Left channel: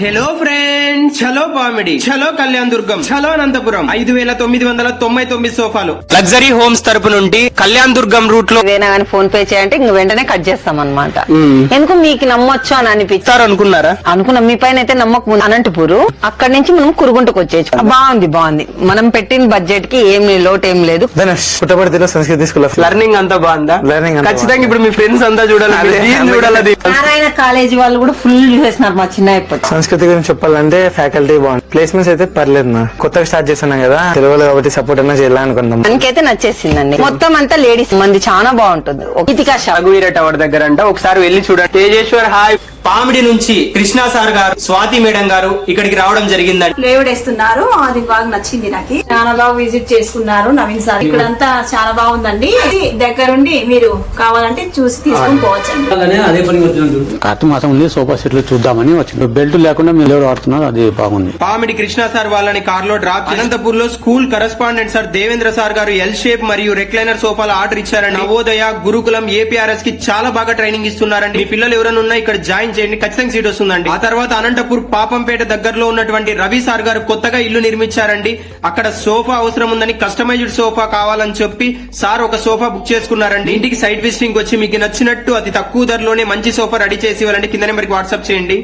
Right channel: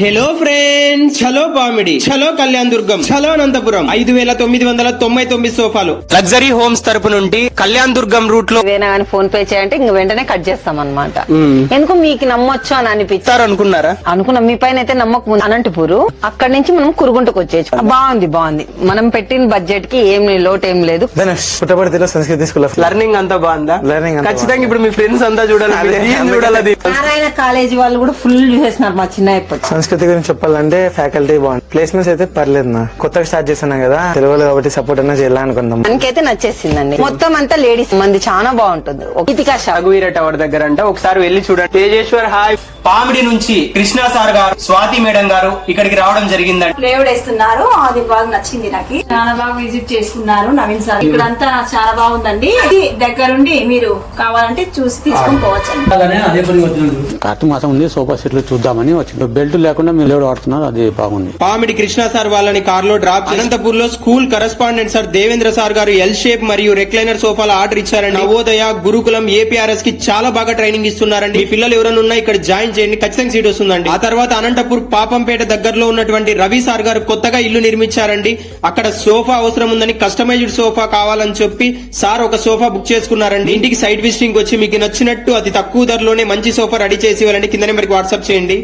Hello friends, చలో పామిడి, చలో కళ్యాణ్ దుర్గం, చలో అనంతపురం 5,999 సోఫాలు లగ్జరీ హోమ్స్ తరపు నుండి కళ్యాణ్ దుర్గం రూట్ లో ఏదైనా కానీ ఫోన్ పే చేయంటే ఇంక వెంటనే కట్ చేస్తాం అనమాట. ఎందుకు మీకు నమ్మొచ్చు అని అనిపించారు అనుకున్నారా? అనుకున్నాం. మీ పైన అయితే నమ్మకం ఉంది. అనంతపూర్ అక్కడి నుంచి మనం కురుగుంటకు వచ్చేయచ్చు. బాగుంది. మనం పెట్టిన బడ్జెట్ కి ఏం లోటు ఏం లేదు. పుట్టపర్తిలో సంస్కృతి స్కూల్ లర్నింగ్ అంతా బాగుందా? ఖచ్చితంగా ఇప్పుడు మీ ఫ్రెండ్స్ అంతా చూడాలి. నారాయణ కాలేజీ వాళ్ళు కూడా ఫుల్ చూసేసినారు మా చిన్న సంస్కృతి గురించి చెప్పాలంటే ఫ్యాకల్టీ బాగుంది, ప్లేస్మెంట్స్ అయితే పర్లేదు. నా కొత్తగా స్టార్ట్ చేస్తున్నాం కదా, తెలుగులో కాబట్టి సపోర్ట్ అన్నా చేయాలనుకున్నాం. మనకైతే నచ్చేసిందండి. మొత్తం అంతా లేడీస్ మంది చాలా బాగుంటుంది. రఘువీర టవర్ దగ్గర అంట, ఒకసారి వెళ్ళి చూడండి. తేజేశ్వర్ హాయ్. పామిడి నుంచి కృష్ణ సార్ గారు, స్వాతి మేడం గారు ఇక్కడికి రావడం జరిగిందండి. ఫ్లేవర్డ్ వేస్తున్నారు, అది బాగా నచ్చింది నాకు. చాలా బాగా విజిట్ చేసుకున్నారు నవీన్ సార్. ఇక్కడంతా చాలా బాగుందండి. ఇది దగ్గరుండి మీరు కావాలంటే చూసి తీసుకుని పోవచ్చండి. కార్తీక మాసం ఉంది, సోఫా సెట్లు చూద్దామని వచ్చింది. బెల్ట్ లేకుండా మీరు ఎవరు వాడుతున్నారు, అది బాగుంది. పామిడి కృష్ణ సార్ వాళ్ళని కార్ లో డ్రాప్ అనంతపూర్ లో school correspondent sir Devendra sir గారు ఎల్ షేప్ మరియు రెక్లైనర్ సోఫాల ఆర్డర్ ఇచ్చారండి. నవోదయ, గురుకులం, ఏపీఆర్ఎస్ కి చాలా బాగా ట్రైనింగ్ ఇస్తున్నారండి. మీ పిల్లలు ఎవరైనా ఉన్నా ఇక్కడ జాయిన్ చేయండి, ఖచ్చితంగా సీట్ వస్తుందండి. ఆ తర్వాత అనంతపూర్ పాపంపేట దగ్గరలో ఉన్నటువంటి రవి సార్ గారు కొత్తగా ఇల్లు నిర్మించారండి. అక్కడ సోఫా అవసరం ఉందని, కస్టమైజ్డ్ సోఫా కావాలని చెప్పి సార్ ఒక సోఫా బుక్ చేసుకున్నారండి. ఇంటికి సైట్ విజిటింగ్ వచ్చి మీకు నచ్చినట్టు అతి తక్కువ ధరలోనే మంచి సోఫా రెడీ చేసి ఇవ్వాలండి. కింద నెంబర్కి వాట్సాప్ చేయండి.